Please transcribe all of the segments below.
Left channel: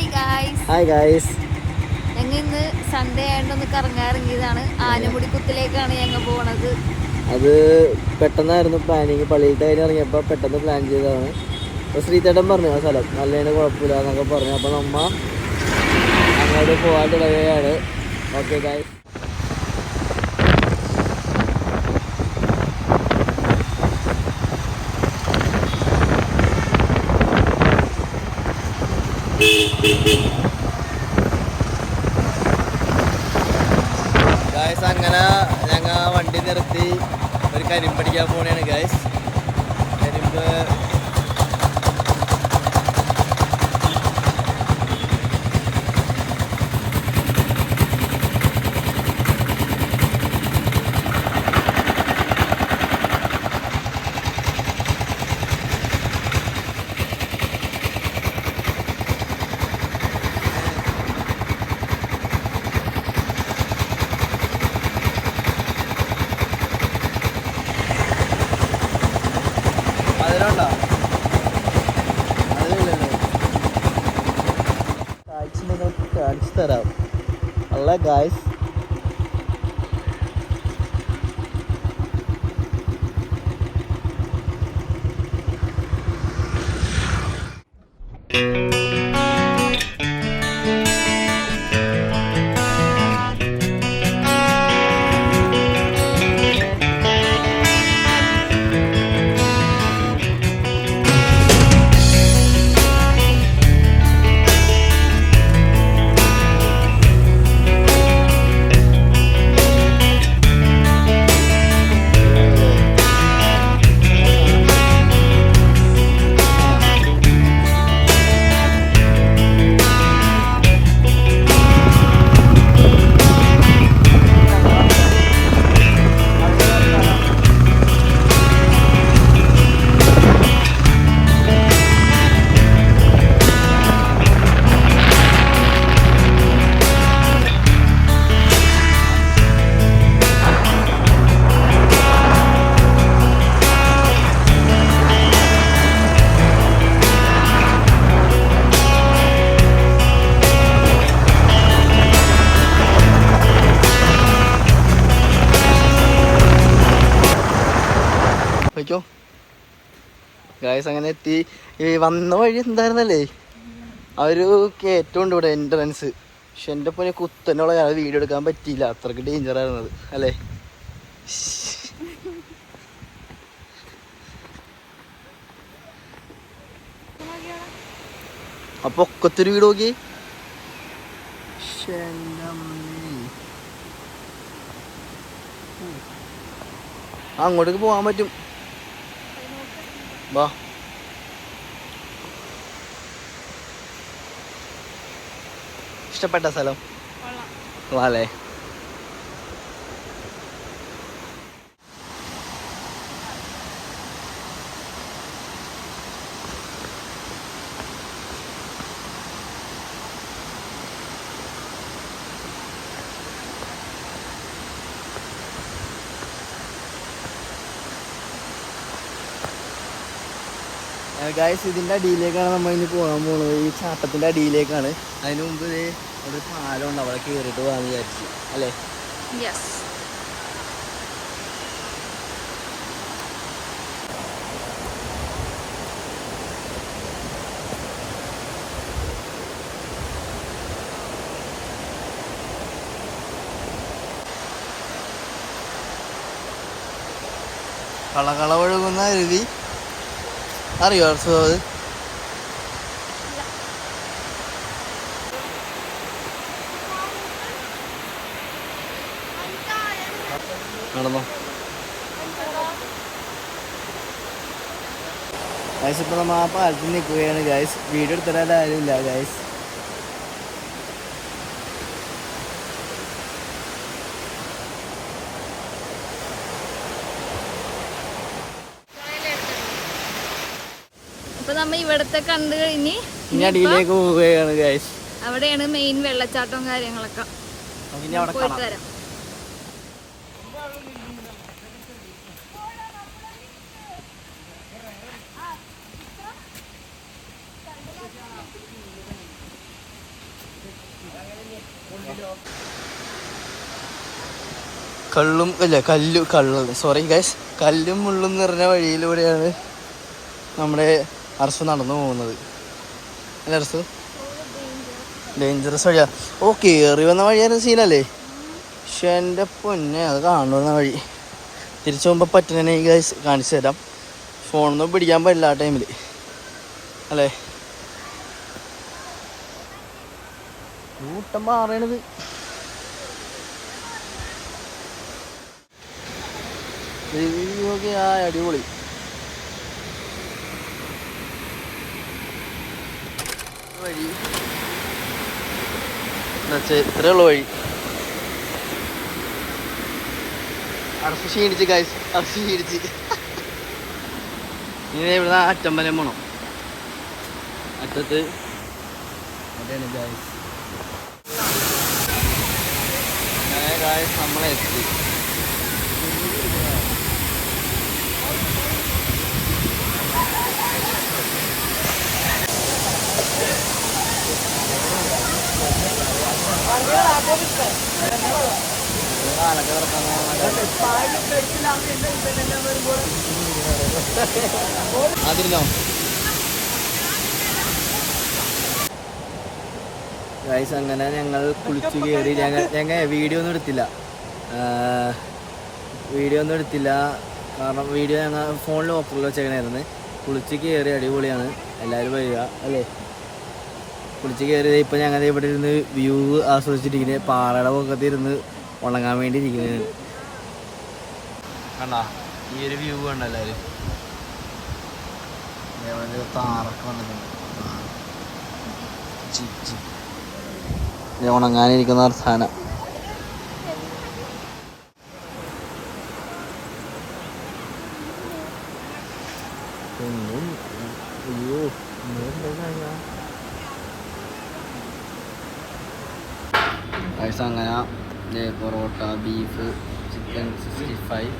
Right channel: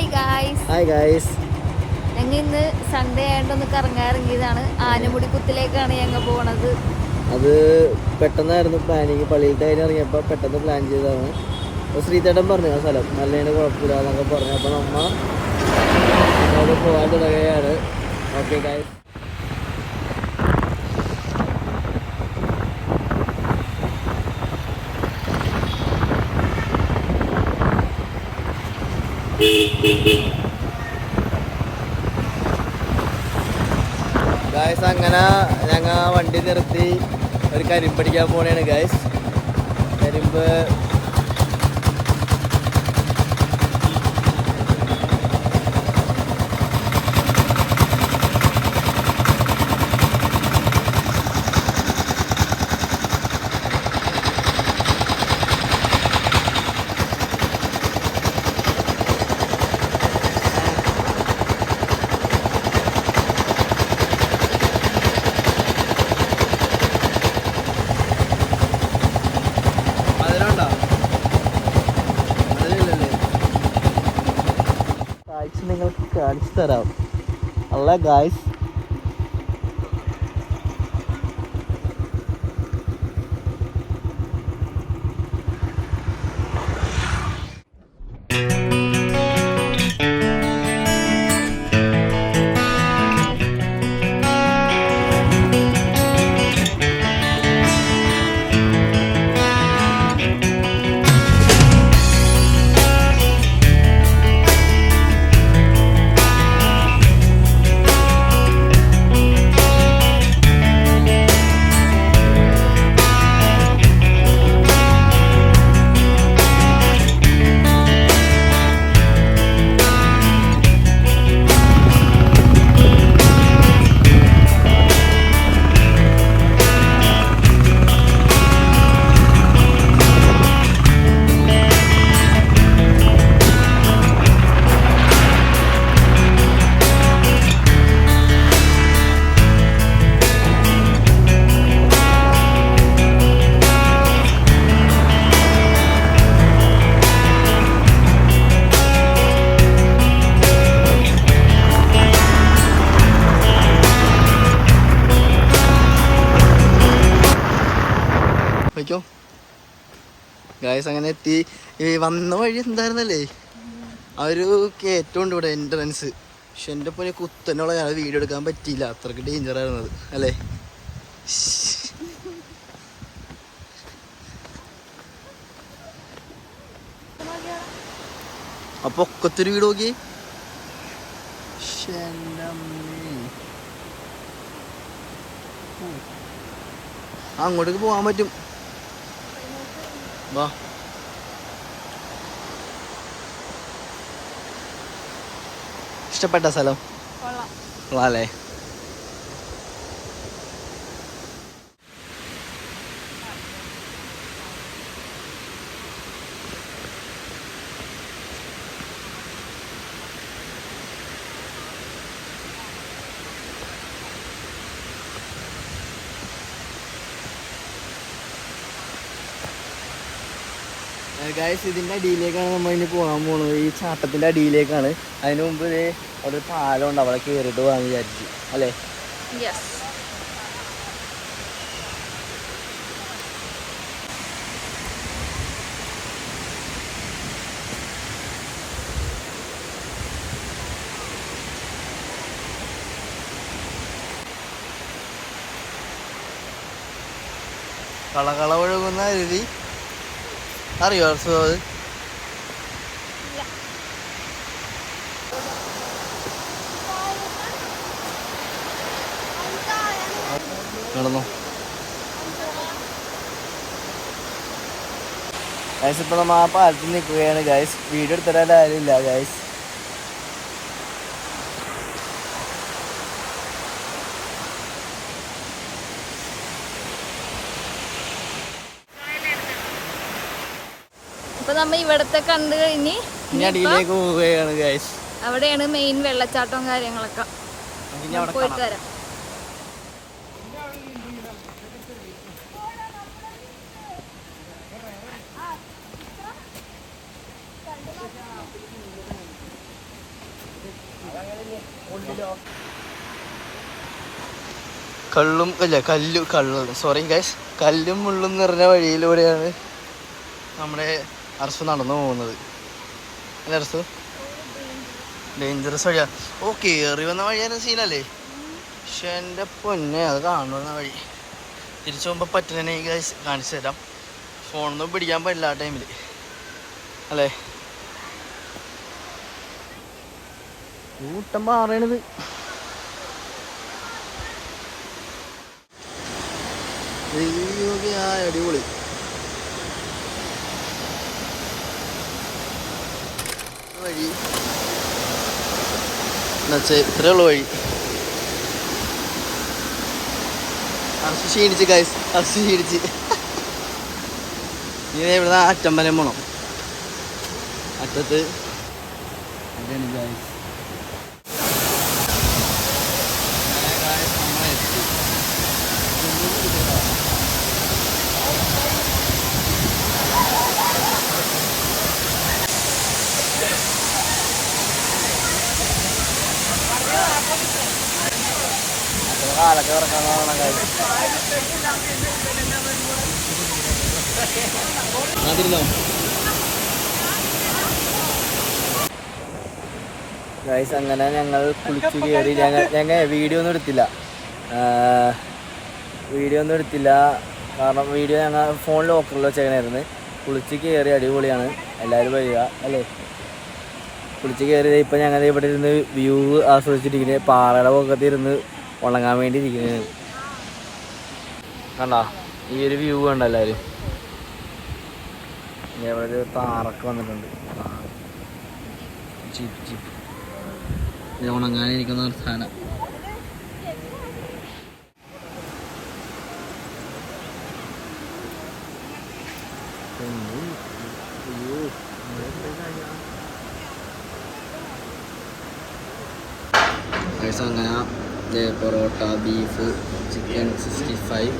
Hi guys. ഞങ്ങൾ ഇന്ന് Sunday ആയിട്ടൊന്ന് കറങ്ങാറിറങ്ങിയതാണ്. ആനമുടിക്കുത്തിലേക്കാണ് ഞങ്ങൾ പോണത്. അത് പെട്ടെന്നായിരുന്നു പ്ലാനിങ്. പള്ളിയിലത്തെ കാര്യം ഇറങ്ങിയപ്പോൾ പെട്ടെന്ന് പ്ലാൻ ചെയ്തതാണ്. അപ്പോൾ ശ്രീചേട്ടൻ പറഞ്ഞു ആ സ്ഥലം നല്ലതിന് കുഴപ്പമില്ല എന്നൊക്കെ പറഞ്ഞു. അപ്പോൾ നമ്മ അങ്ങോട്ട് പോകാൻ തുടങ്ങുകയാണ്. Okay guys. ഗായ്സ് അങ്ങനെ ഞങ്ങൾ വണ്ടി നിർത്തി ഒരു കരിമ്പ് അടിക്കാൻ പോകണേണ് ഗായ്സ്. കരിമ്പ് അതിലുണ്ടോ? അതിലില്ലല്ലോ. കാഴ്ച നിങ്ങൾക്ക് കാണിച്ചു തരാം. അല്ല ഗായ്സ്, വയ്ക്കോ ഗായ്സ്. അങ്ങനെ എത്തി. ഈ വന്ന വഴി എന്തായിരുന്നല്ലേ, ആ ഒരു കയറ്റമുണ്ട് ഇവിടെ എൻട്രൻസ്. പക്ഷെ എൻ്റെ പോലെ കുത്തനുള്ള ഞാൻ വീഡിയോ എടുക്കാൻ പറ്റിയില്ല, അത്രയ്ക്ക് ഡേഞ്ചർ ആയിരുന്നത് അല്ലേ. അപ്പൊ ഒക്കത്തൊരു വീട് നോക്കി. അങ്ങോട്ടേക്ക് പോകാൻ പറ്റും. വാ. ഇഷ്ടപ്പെട്ട സ്ഥലം അല്ലേ? ഗായ്സ്, ഇതിൻ്റെ അടിയിലേക്കാണ് നമ്മൾ ഇനി പോകാൻ പോകുന്നത്. ഈ ചാട്ടത്തിൻ്റെ അടിയിലേക്കാണ്. അതിന് മുമ്പ് അവിടെ ഒരു പാലമുണ്ട്, അവിടെ കയറിയിട്ട് പോകാൻ വിചാരിച്ചു അല്ലേ. കളകള ഒഴുകുന്ന അരുവി അറിയോ? അത് നടന്നോ ഗായ്സ്. ഇപ്പൊ നമ്മ ആ പാലത്തിൽ നിൽക്കുകയാണ് ഗായ്സ്. വീഡിയോ എടുത്തിട്ട് ആരും ഇല്ല ഗായ്സ്. അപ്പൊ നമ്മ ഇവിടത്തെ കണ്ടു കഴിഞ്ഞ് അടിയിലേക്ക് പോവുകയാണ് ഗായ്സ്. അവിടെയാണ് മെയിൻ വെള്ളച്ചാട്ടവും കാര്യങ്ങളൊക്കെ. പോയിട്ട് വരാം. കള്ളും അല്ല സോറി ഗൈസ്, കല്ലും മുള്ളും നിറഞ്ഞ വഴിയിലൂടെയാണ് നമ്മുടെ അർസു നടന്നു പോകുന്നത്. അല്ല അർസു, ഡേഞ്ചറസ് വഴിയാ. ഓ, കയറി വന്ന വഴിയായിരുന്നു സീനല്ലേ? പക്ഷെ എൻ്റെ പൊന്നെ, അത് കാണുന്ന വഴി. തിരിച്ചു പോകുമ്പോൾ പറ്റുന്നതിനെ ഗൈസ് കാണിച്ചു തരാം. ഫോണൊന്നും പിടിക്കാൻ പറ്റില്ല ആ ടൈമിൽ അല്ലേ. കൂട്ടം പറയണത് അടിപൊളി. വഴി എന്നുവെച്ചാൽ ഇത്രയേ ഉള്ളു വഴി. അറച്ച് ക്ഷീണിച്ച് ഗൈസ്, അറച്ച് ക്ഷീണിച്ച്. ഇനി ഇവിടുന്ന് അറ്റമ്പലം പോണം. അറ്റത്ത് അതാണ് ഗൈസ്. നമ്മളെത്തി. കാലൊക്കെ കിടക്കാന്നാണ് അതിരുന്നോ ഗൈസ്. അങ്ങനെ ഞങ്ങൾ കുളിച്ചു കയറി. ഞങ്ങൾ വീഡിയോ ഒന്നും എടുത്തില്ല കാരണം വീഡിയോ ഞങ്ങൾ ഫോണിൽ ലോക്കറിൽ വെച്ചേക്കണായിരുന്നു. കുളിച്ച് കയറി, അടിപൊളിയാണ്. എല്ലാവരും വരിക അല്ലേ. കുളിച്ച് കയറിയത് ഇപ്പം ഞങ്ങൾ ഇവിടെ ഇരുന്ന് വ്യൂ ആസ്വദിച്ചിരിക്കുന്നത്. പാറയുടെ പൊക്കത്ത് ഇരുന്ന് ഉണങ്ങാൻ വേണ്ടി ഇരിക്കുന്നത് കണ്ടോ. ഈ ഒരു വ്യൂ കണ്ടോ എല്ലാവരും. ഇവിടെ ഒരു താറൊക്കെ വന്നിട്ടുണ്ട്. ഉണങ്ങാനിരിക്കുന്ന സാധനം. അങ്ങനെ parotta, beef, chicken 65,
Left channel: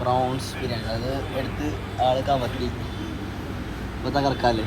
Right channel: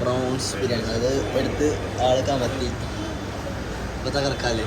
prawns biryani. അത് എടുത്ത് ആൾ കമത്തി. ഇപ്പം തകർക്കാല്ലേ.